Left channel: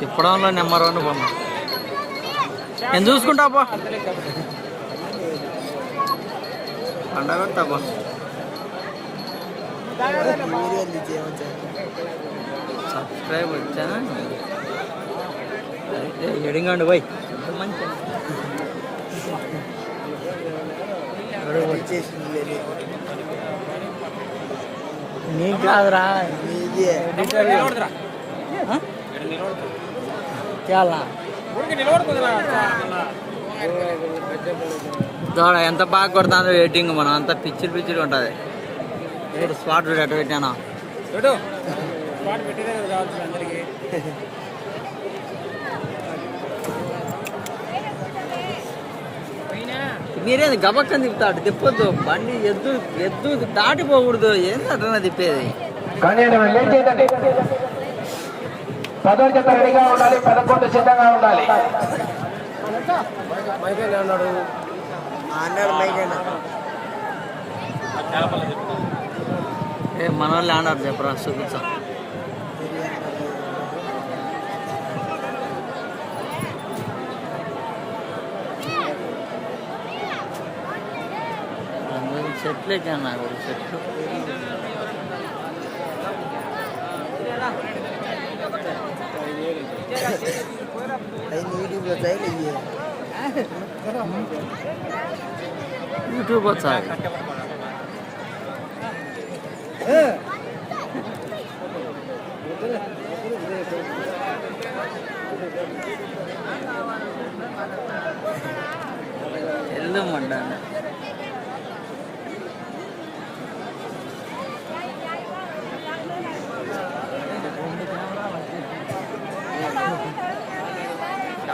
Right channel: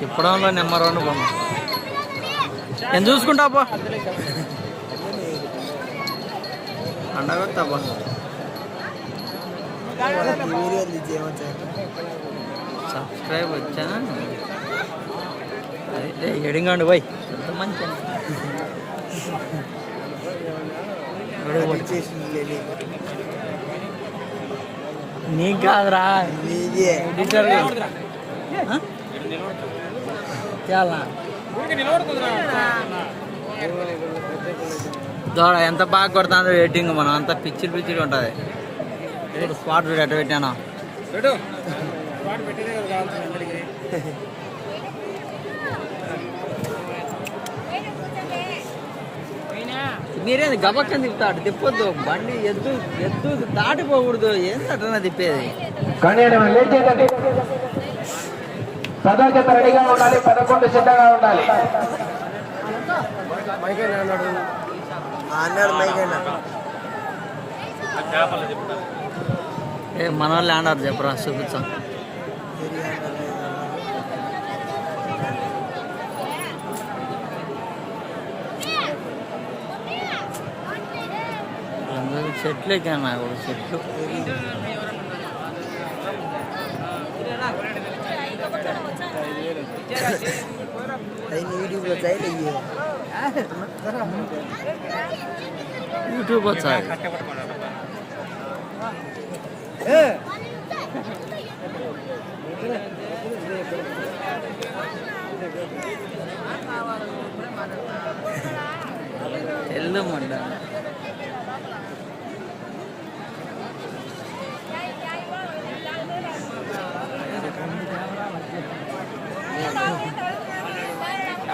తిప్పడంలో number one బొమ్మ. నేను చూసుకుంటా పో. పండగొత్తా సబ్స్క్రైబ్ వచ్చా? ఎడింగండి పోయి. ఎంత మంచి నీకు కాదురా. ఎడిటర్ దోడ ఎంత బాగా కొడుతుందో వెయిటింగ్ మనం అంత పిచ్చిడి పిచ్చిడి ఉంటుంది ఇప్పుడు స్పాట్ చూడు ఎట్ట పెట్టాను మీరేది గబక్కని తిప్పుతాడు తిప్పొద్దు బండి ఎద్దు ఎద్దు దాటిపోకూడదు ఏంటన్నా తిప్పేది కానీ అని మనం లేట్ చేయండి పదో జత రెడీగా ఉండాలి పదకొండు సిద్ధంగా ఉండాలి అన్నాడు మైకైనా ఏ మన వాళ్ళు ఆడారు చెప్పరా చూపించాం చెట్లు ఎక్కాను నాకు చెట్లు யூடியூப்பில் தேவையில்லையே யூடியூபாக சாய் எல்லாம் மாட்டாங்க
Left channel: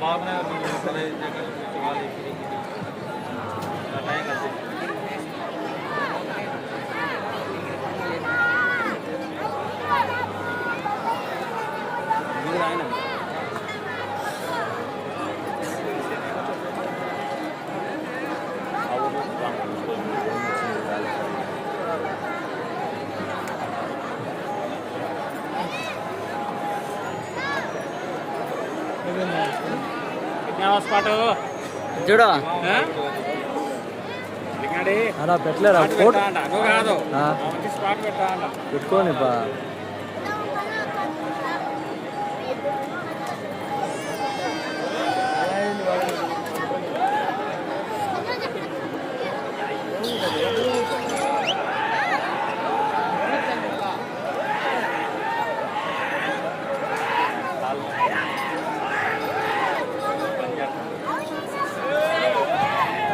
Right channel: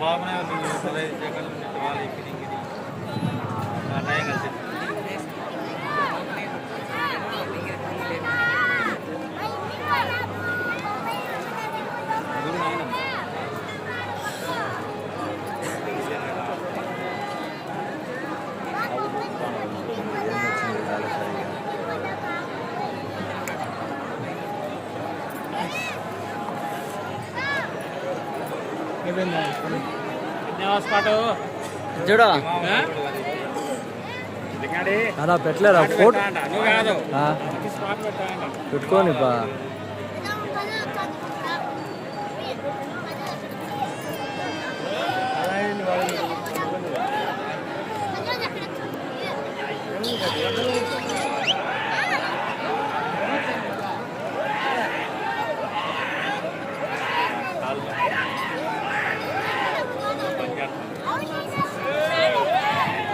भावना जगह वाले చూడు అలా పెట్టలేరా ఫోటో ఆ, స్పాట్ పెట్టా అంట పెట్టుకోని బా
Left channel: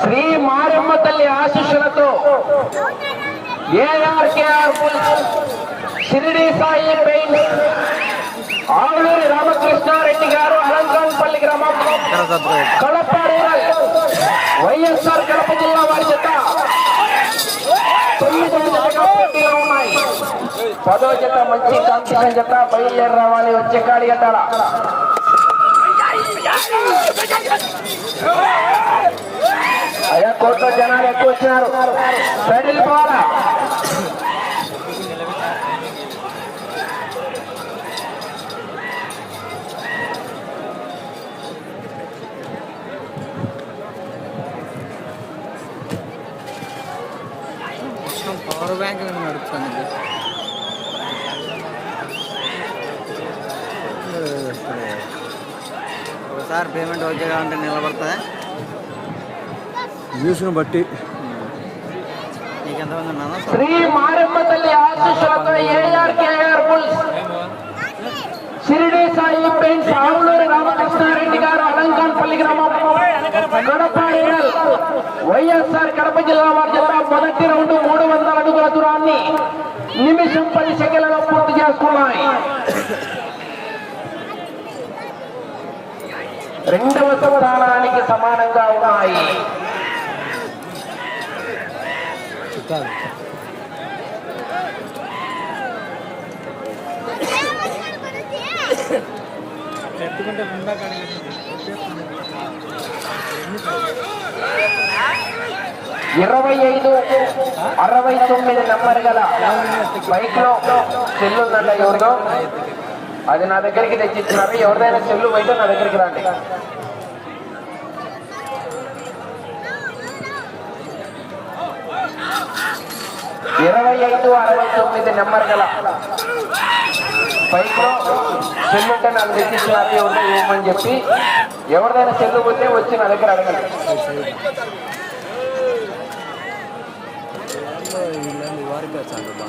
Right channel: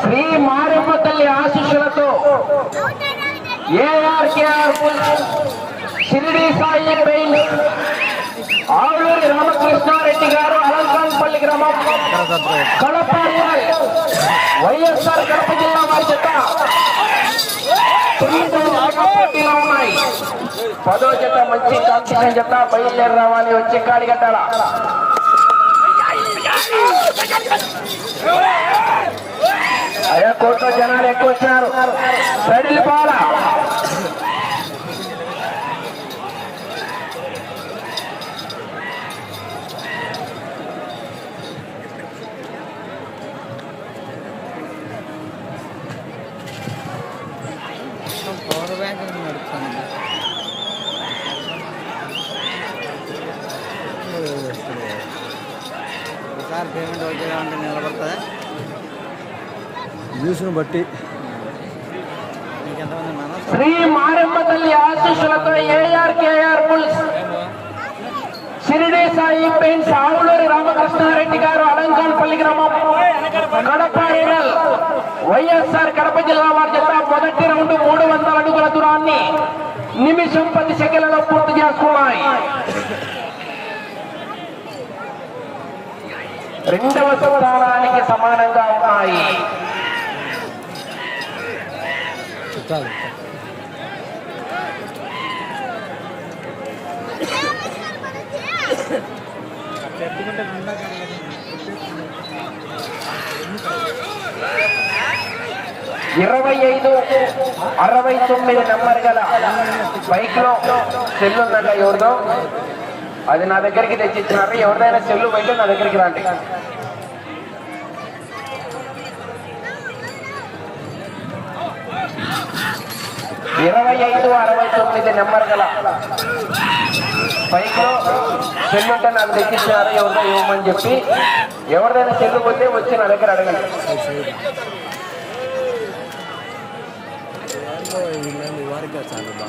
శ్రీ మారమ్మ తల్లి ఆశీస్సులతో ఏఆర్కేఆర్ షిరిడి సాయి పెయింట్ ఆరూరి రామకృష్ణారెడ్డి గారు అలంకాన్పల్లి గ్రామం. వైఎస్ఆర్ కడప జిల్లా వారి జత పోటీలో ఉన్నాయి. పదో జత మంచి కాంపిటీషన్ జత బయలుదేరి రావాలి వచ్చే కాడి గట్టాల అయ్యా కోట్ల జనాలు ఎక్కువ వచ్చినారు. సైడ్లు పేమెంట్ ఓకేగా ఉంటే నిలబడుతుందా వ్యూస్ను బట్టి. శ్రీ మారమ్మ తల్లి ఆశీస్సులతో AR KR bulls. Shirdi Sai paints Avuluri Ramakrishna Reddy గారు అలంకాన్పల్లి గ్రామం. కడప వైఎస్ఆర్ కడప జిల్లా వారి చేత మొదటి రౌండ్ మూడు వందల అడుగుల దూరాన్ని నిమిషం పది సెకండ్లలో పూర్తి చేసుకున్నాయి. రెండవ స్థానానికి సమానంగా ఉన్నాయి. ఇరవై ఐదు అరవై తొమ్మిది నెంబర్ గల బైక్లో సెల్ ఎవరిదో? అది నా దగ్గరికి తెచ్చిచ్చినారు. ఎవరిదైనా చెల్లు పోయితే నా దగ్గరికి రాండి. ఇరవై ఐదు అరవై తొమ్మిది నెంబర్ గల బైక్లో సెల్ నాకు తెచ్చిస్తున్నారు ఎవరిదో ఇవ్వమని చెప్పి ఎవరిదైనా చెల్లు పోతే వచ్చి నా దగ్గర అడగండి. వారికి వచ్చాను బా.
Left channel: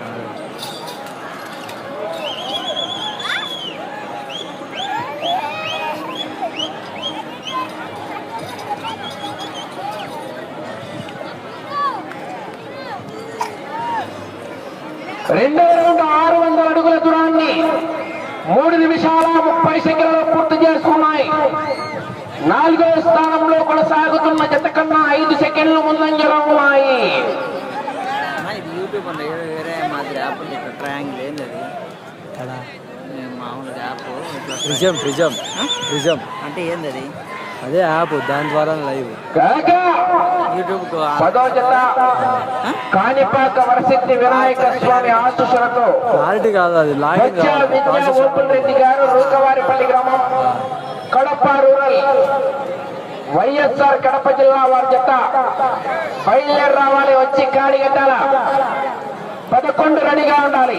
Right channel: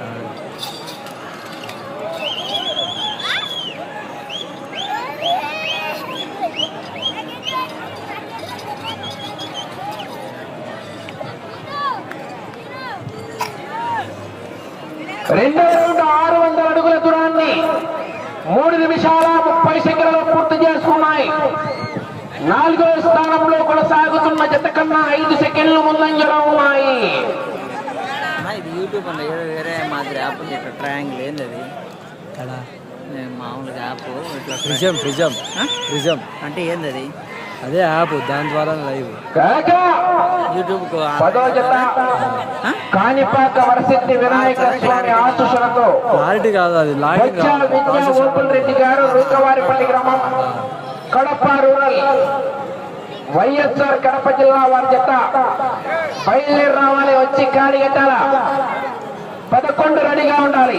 చేశాను రెండో రౌండ్ ఆరు వందల అడుగుల దూరాన్ని మూడు నిమిషాల ముప్పై సెకండ్లలో పూర్తి చేసుకున్నాయి నాలుగో స్థానంలో కొనసాగుతున్న జత కన్నా ఐదు సెకండ్లు ముందంజలో ఉన్నాయి అన్నా, ఇది యూట్యూబ్ ఉంది వేరే వేరే మాదిరి యాప్ ఉంది ఇక్కడ ట్రయాంగిల్ ఏంది అది కదా నేను మామూలుగా యాప్ ఇట్లా ప్రిజం ప్రిజం ప్రిజం. అంటే ఏంది అది అదే యాప్ దాని ద్వారా లైవ్. ఆశీస్సులతో. క్లారిటీ కాదు అది login Kadapa rural. YSR Kadapa జిల్లా వారి జత. బయలుదేరి రావాలి వచ్చి కాడి కట్టాల పదకొండు రెడీగా ఉండాలి.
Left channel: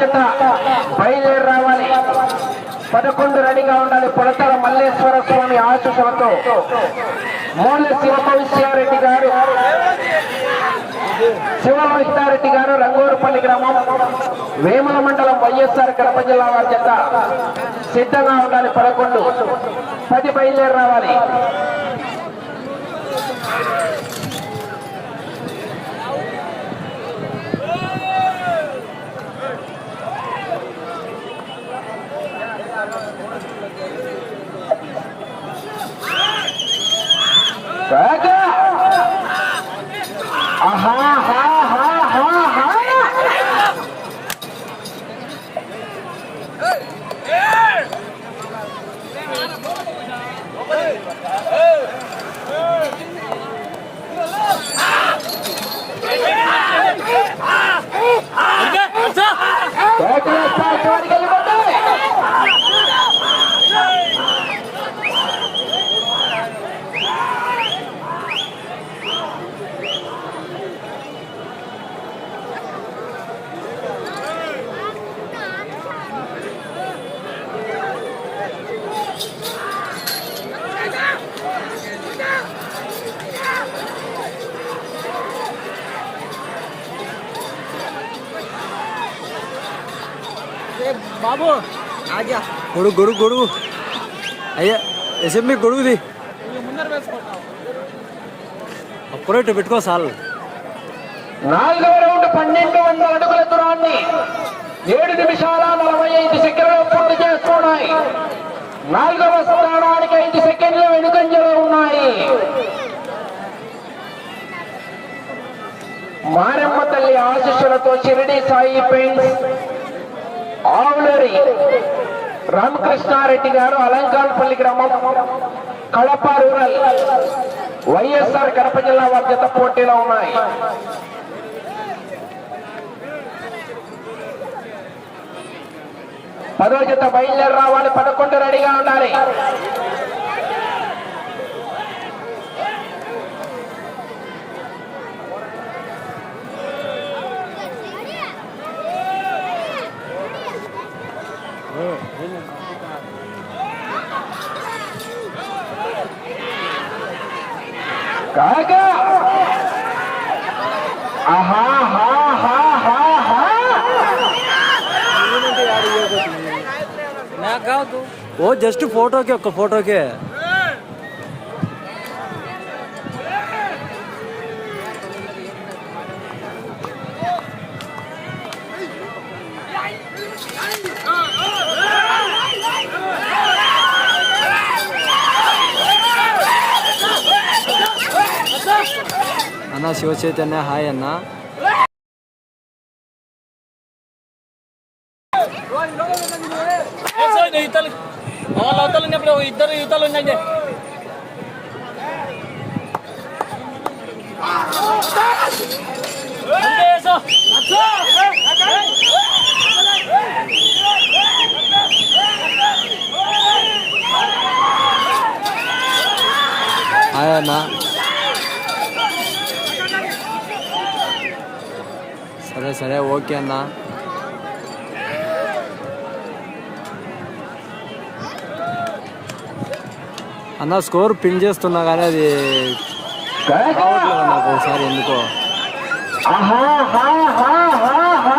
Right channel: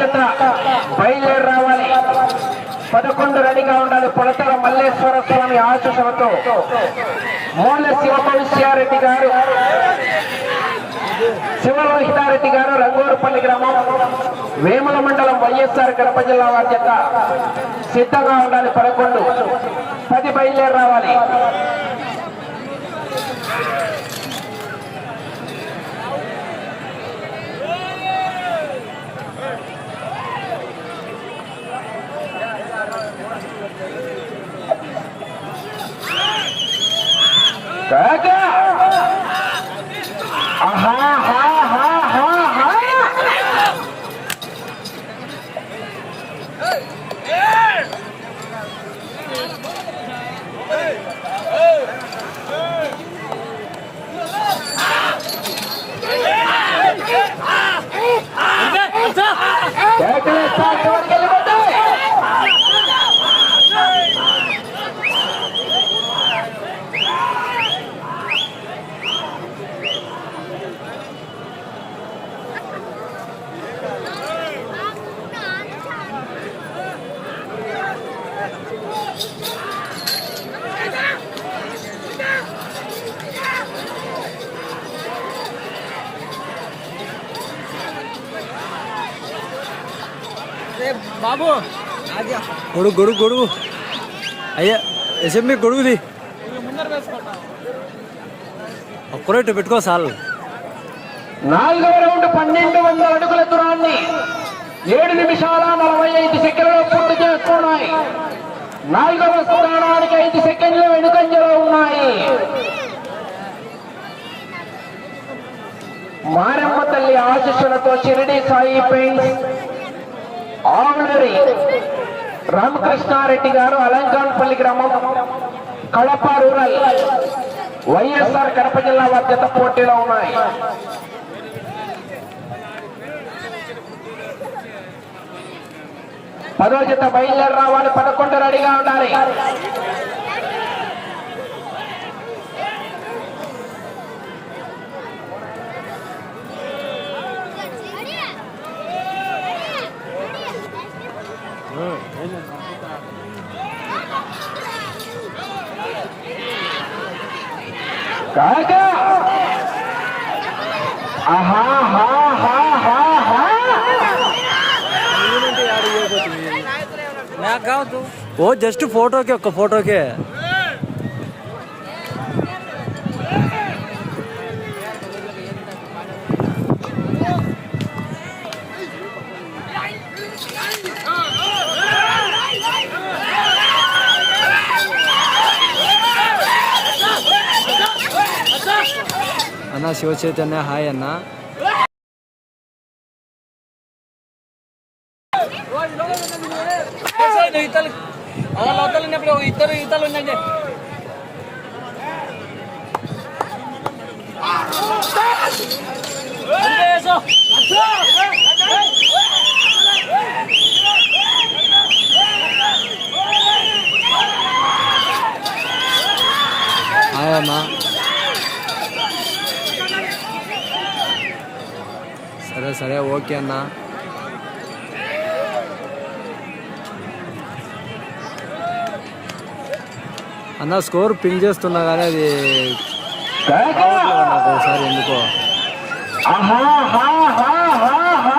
జత బయలుదేరి రావాలి? పదకొండు రెడీగా ఉండాలి. పొడతల మల్లేశ్వర స్వామి ఆశీస్సులతో? మూల శివకౌశ్యారెడ్డి గారు శివహితారెడ్డి గారు రంగూరుపల్లి గ్రామం వేముల మండలం వైఎస్ఆర్ కడప జిల్లా వారి చేత సిద్ధంగా ఉండాలి పదకొండు. పది బయలుదేరి రావాలి. కాకా ఆహా హా హా హా హా కాకా చివరికి వెళ్ళిపోతాయి బాబు ఆజా గొడుగు గొడుగు గొడుగు. అయ్యా ఎస్ఎంబి గొడుగుది ఒక్కరోజు పెట్టుకో సార్. నాలుగవ రౌండ్ పన్నెండు వందల అడుగుల దూరాన్ని ఏడు నిమిషాల నలభై ఐదు సెకండ్లు పూర్తి చేస్తున్నాయి. నాలుగవ స్థానానికి ఐదు సెకండ్లు వెనుకంజలో ఉన్నాయి. మారెమ్మ తల్లి ఆశిస్సులతో షిరిడి సాయి పెయింట్స్ ఆవులరి రామకృష్ణారెడ్డి గారు అలంకాన్పల్లి గ్రామం కడప రూరల్. వైఎస్ఆర్ కడప జిల్లా బాధ్యత పోటీలో ఉన్నాయి. పదో జత బయలుదేరి రావాలి పదకొండు రెడీగా ఉండాలి. కాకా? ఆహా హా హా హా హా. నాకు కావద్దు ఓ జస్ట్ ఫోటోకే ఒక్క ఫోటోకే. చైతన్య హాయ్ అన్న. ఇద్దరు యువతలు ఉన్నాయి హాయ్ అన్నా. సరే ఓకే అన్న. అన్న స్కోర్ పిన్ చేస్తున్నా కానీ అది రావట్లేదు నాకు ఒకసారి ఎందుకో. ఐదు హా హా హా హా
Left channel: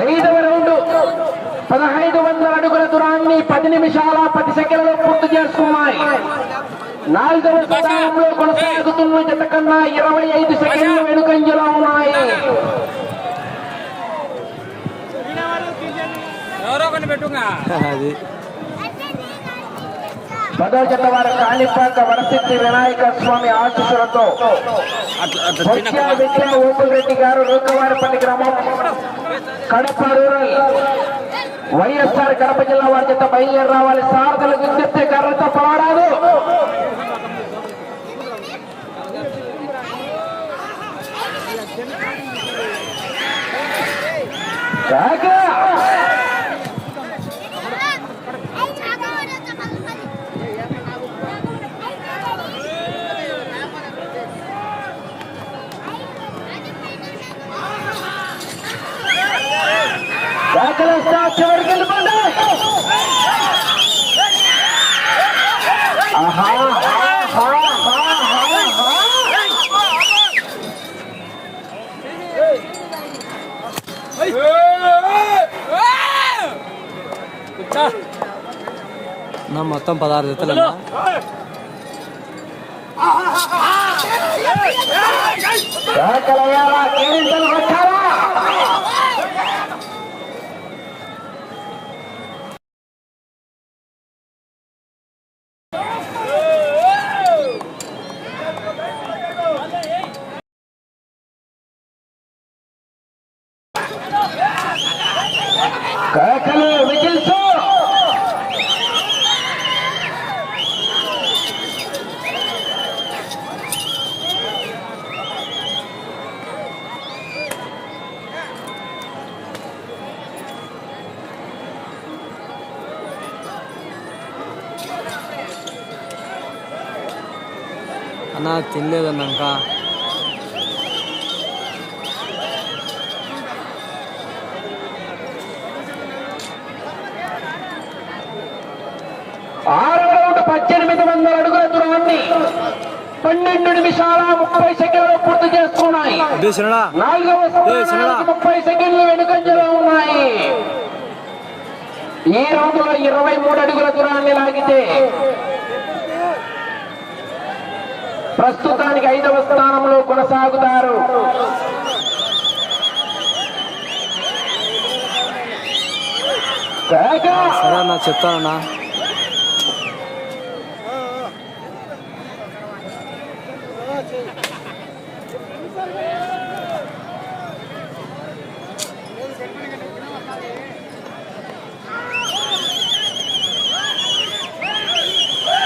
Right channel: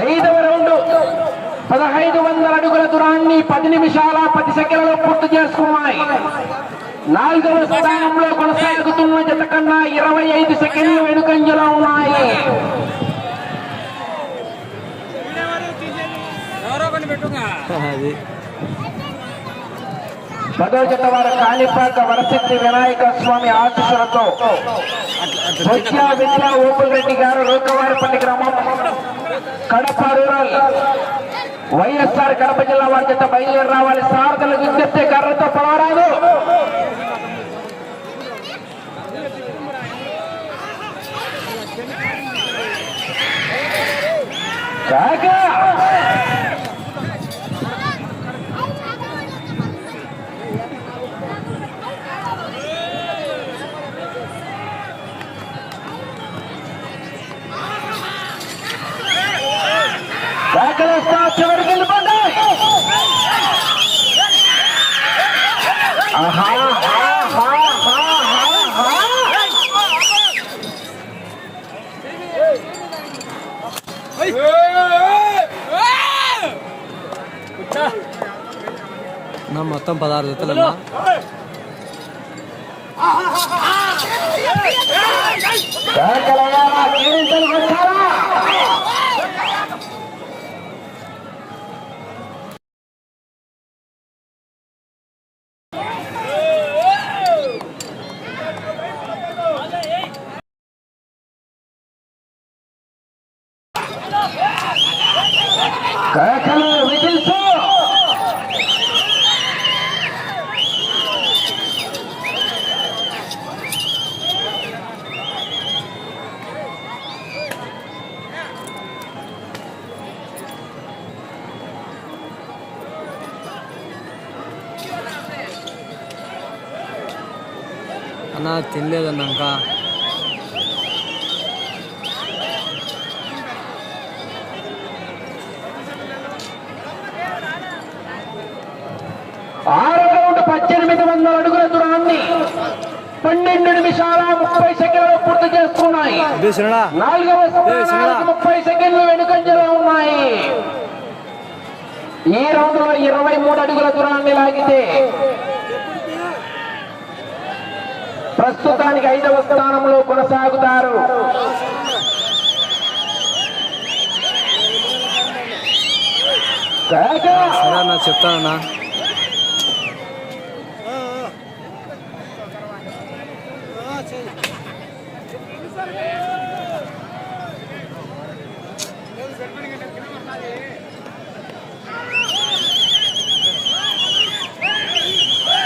ఐదవ రౌండ్ పదహైదు వందల అడుగుల దూరాన్ని పది నిమిషాల పది సెకండ్లో పూర్తి చేసుకున్నాయి. నాలుగవ స్థానంలో కొనసాగుతున్న జత కన్నా ఇరవై ఐదు సెకండ్లు వెనుకంజలో ఉన్నాయి. పదో జత వారి కాళీపాక వరసిద్ధి వినాయక స్వామి ఆశీస్సులతో బొత్స విట్ల ఓపుల్ రెడ్డి గారు లోకవారిపల్లి గ్రామం కడప రూరల్ వైఎస్ఆర్ కడప జిల్లా వారి బయలుదేరి రావాలి. సారథులు విజ్ఞప్తి కర్రతో పోరాదు జాగ్రత్త పదహారు జతలు అన్న అన్న తినలేదన్న ఇంకా ఆరవ రౌండ్ పద్దెనిమిది వందల అడుగుల దూరాన్ని పన్నెండు నిమిషాల ముప్పై సెకండ్లు పూర్తి చేస్తున్నాయి నాలుగవ ముప్పై సెకండ్లు వెనుకంజలో ఉన్నాయి. ఈ రౌండ్లో ఇరవై మూడు అడుగుల దూరాన్ని లాగితే ప్రస్తుతానికి ఐదవ స్థానంలో కొనసాగుతారు. సరే అన్న చెప్తానన్నా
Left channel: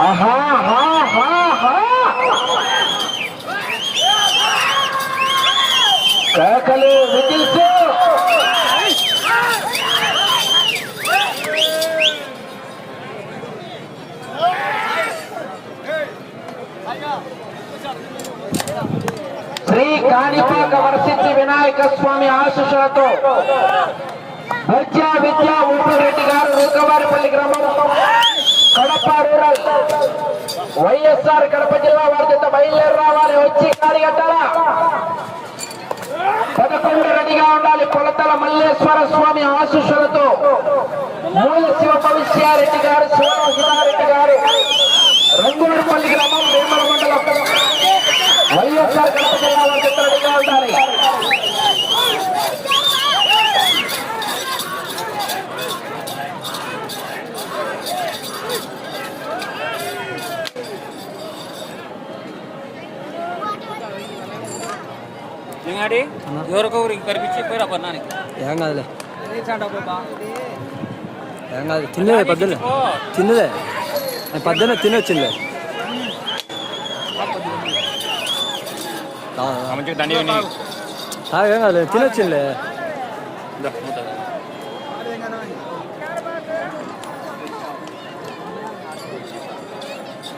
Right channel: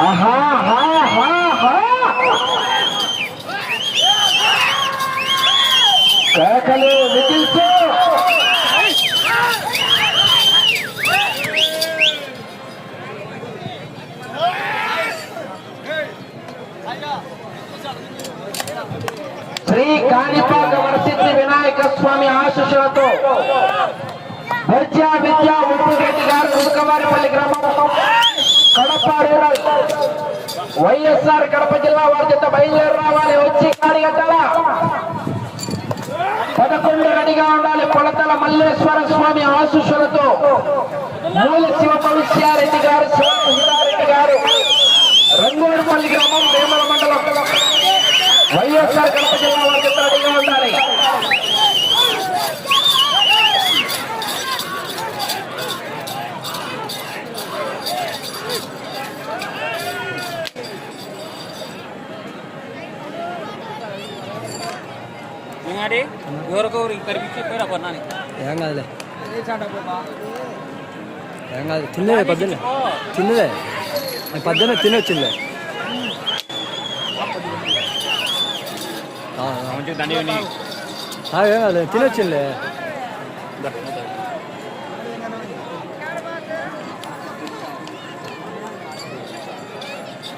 ఆహా, ఆహా, ఆహా, ఆహా. కేకలు విజిల్స్ శ్రీ కాణిపాక వరసిద్ధి వినాయక స్వామి ఆశీస్సులతో విద్యా విద్యా ఉప్పురెడ్డి గారు ఉదకవారిపల్లి గ్రామం కడప రూరల్ వైఎస్ఆర్ కడప జిల్లా వారి చేత బయలుదేరి రావాలి. వచ్చి కాడి కట్టాలా రెడీగా ఉండాలి. కొలతల మల్లేశ్వర స్వామి ఆశీస్సులతో మూల శివ భవిష్యారెడ్డి గారు శివరెడ్డి గారు రంగోడుపల్లి గ్రామం వేమల మండలం వైఎస్ఆర్ కడప జిల్లా వారి இறங்காதுல இறங்காது. தின்னதே பத்தில. தின்னதே. பத்தின தின்ன வச்சில்ல ஆ இறங்காது. தின்ன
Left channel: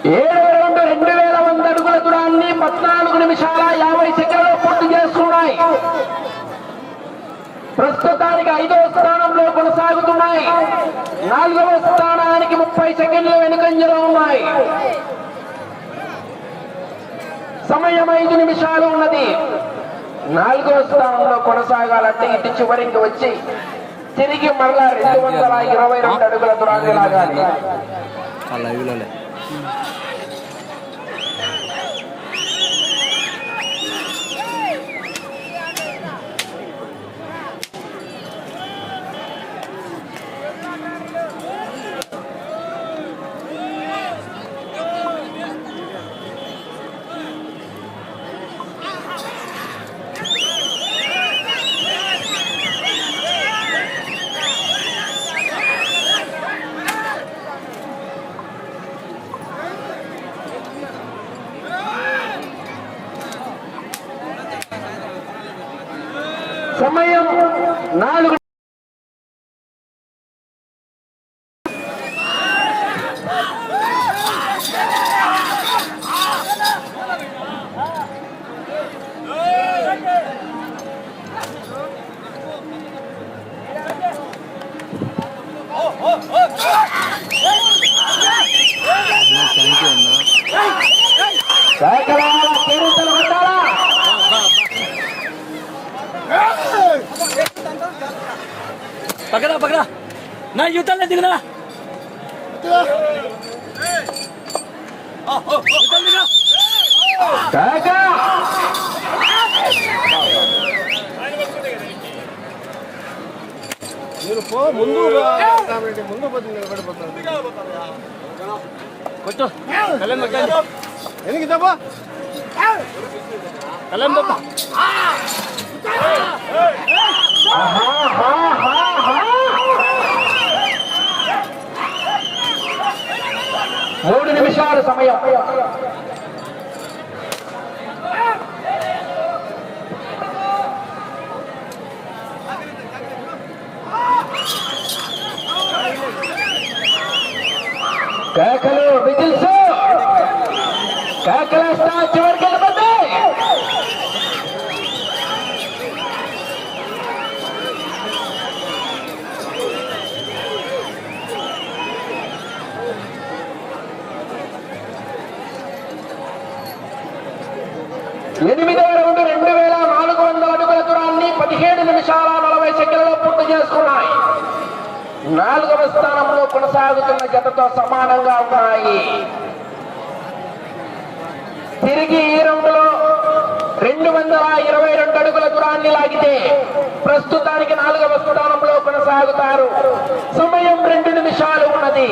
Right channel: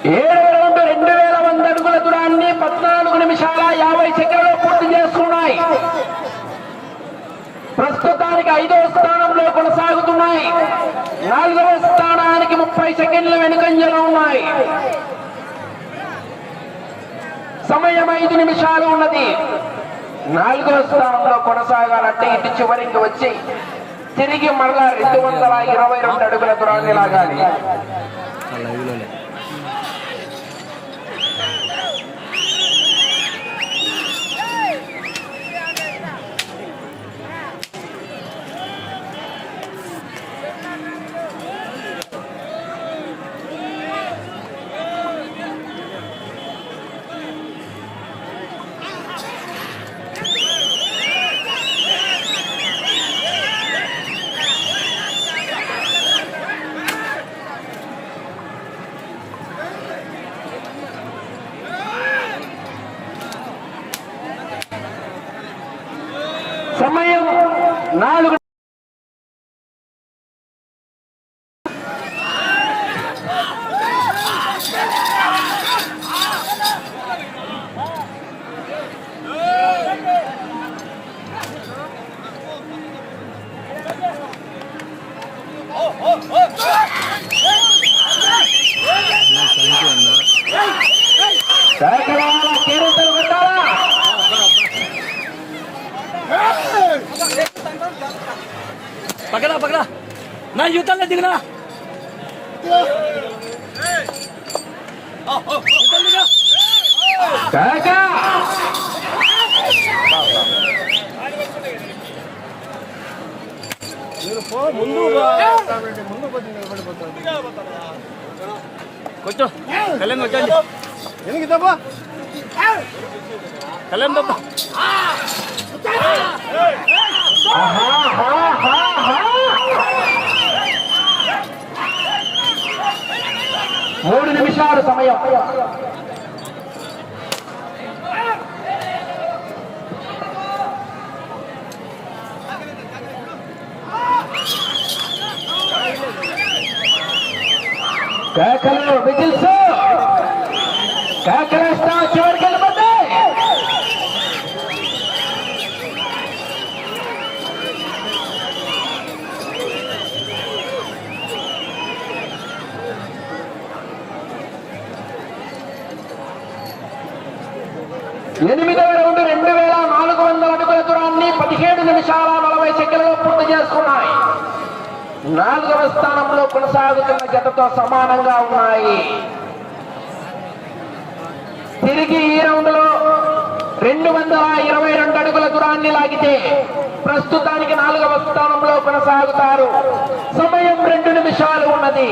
ஏ ఐదవ స్థానంలో కొనసాగుతున్నాయి. నాలుగవ స్థానానికి ముప్పై సెకండ్ల వెనుకంజలో ఉన్నాయి. సమయం ఐదు నిమిషాలు ఉన్నది. నాలుగవ స్థానంలో కొనసాగాలంటే ఇటు చివరికి వచ్చి తిరిగి మళ్ళా రెండు వందల ఇరవై రెండు అడుగుల దూరాన్ని లాగాలి. ఆ లైవ్లోనే కేక! ఆహా, హా, మూడు నిమిషాలు సమయం కేకలు విజిల్స్ కేకలు వస్తా చివరికి వెళ్ళిపోతే ఎనిమిదవ రౌండ్ రెండు వేల నాలుగు వందల అడుగుల దూరాన్ని పదిహేడు నిమిషాల నలభై సెకండ్లలో పూర్తి చేసుకున్నాయి నాలుగవ స్థానంలో కొనసాగుతున్న జతతో సమానంగా ఉన్నాయి. తిరిగి ఈ రౌండ్లో రెండు వందల ఇరవై రెండు అడుగుల దూరాన్ని లాగితే ప్రస్తుతానికి నాలుగవ స్థానంలో కొనసాగుతారు. సమయం రెండు నిమిషాలు ఉన్నది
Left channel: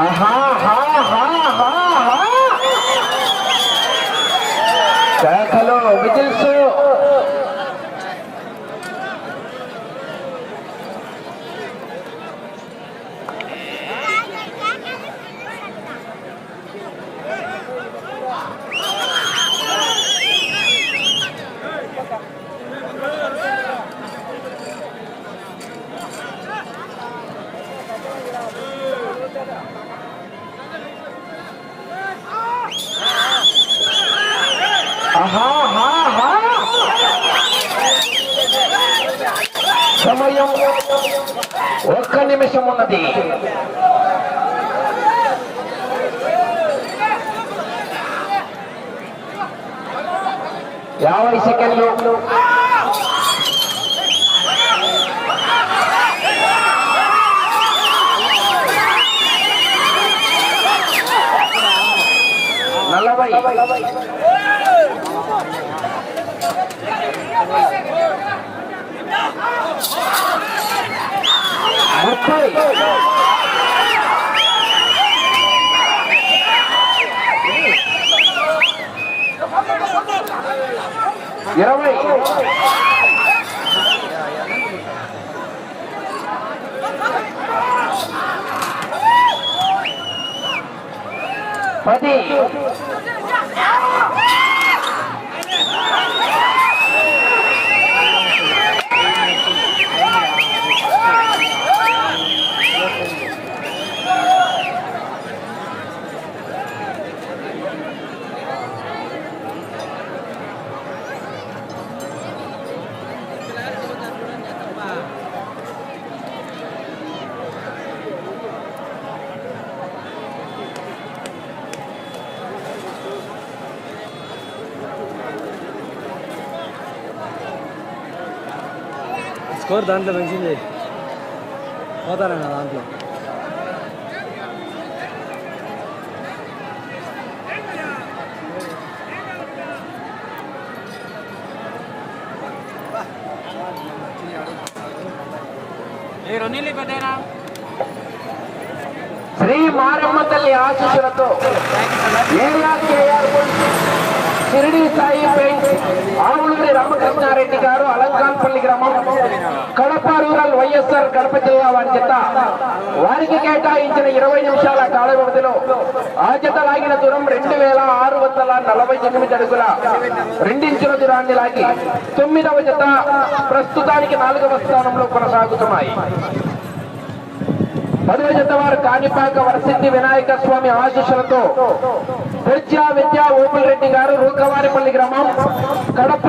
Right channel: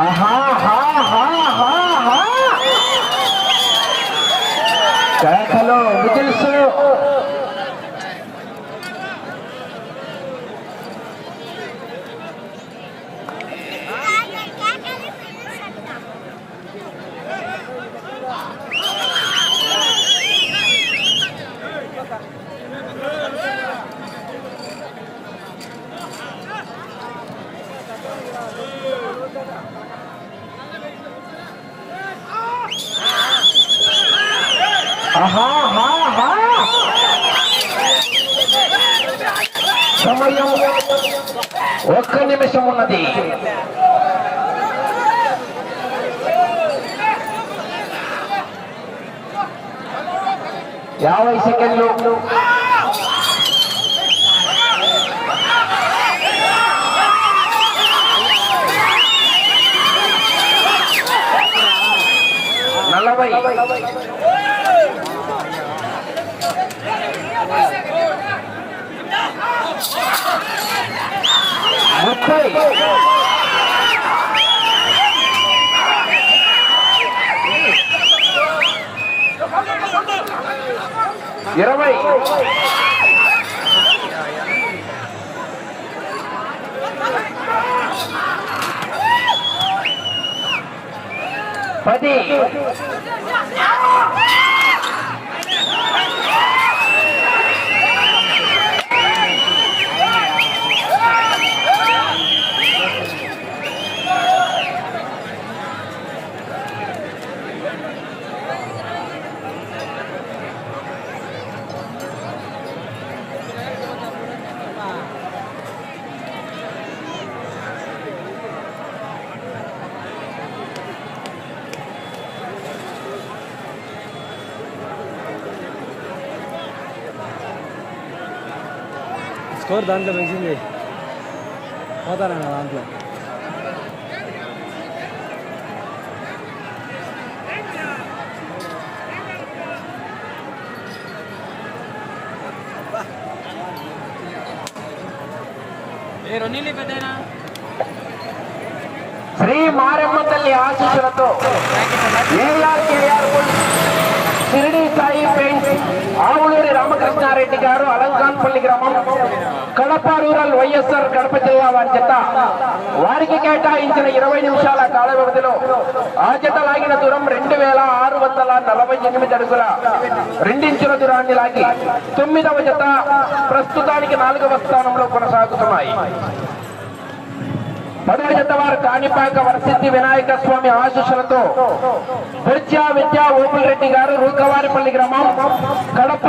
ఆహా, హా, హా, హా, హా. కేకలు విజిల్స్ ఆహా, హా, హా. సమయం ఒక్క నిమిషం ఉన్నది యాభై సెకండ్లు నలభై ముప్పై ఇరవై పది స్కోర్ దాంట్లో మెన్షన్ చేయి పోతానన్నా దాంట్లో శ్రీ మారమ్మ తల్లి ఆశీస్సులతో area KR Shirdi Sai paint Krishna Reddy గారు అలంకాన్పల్లి గ్రామం కడప రూరల్ వైఎస్ఆర్ కడప జిల్లా వారి జత. వారికి కేటాయించిన ఇరవై నిమిషాల కాల వ్యవధిలో ఆ జత లాగిన దూరం రెండు వేల ఆరు వందల నలభై ఎనిమిది అడుగుల రెండించుల దూరాన్ని లాగి తొమ్మిదవ జత ప్రస్తుతానికి నాలుగవ స్థానంలో కొనసాగుతున్నాయి. పదవ జత వారు కాణిపాక వరసిద్ధి వినాయక స్వామి ఆశీస్సులతో విద్యా విద్యా ఓపుల్ రెడ్డి గారు రూకవారిపల్లి గ్రామం కడప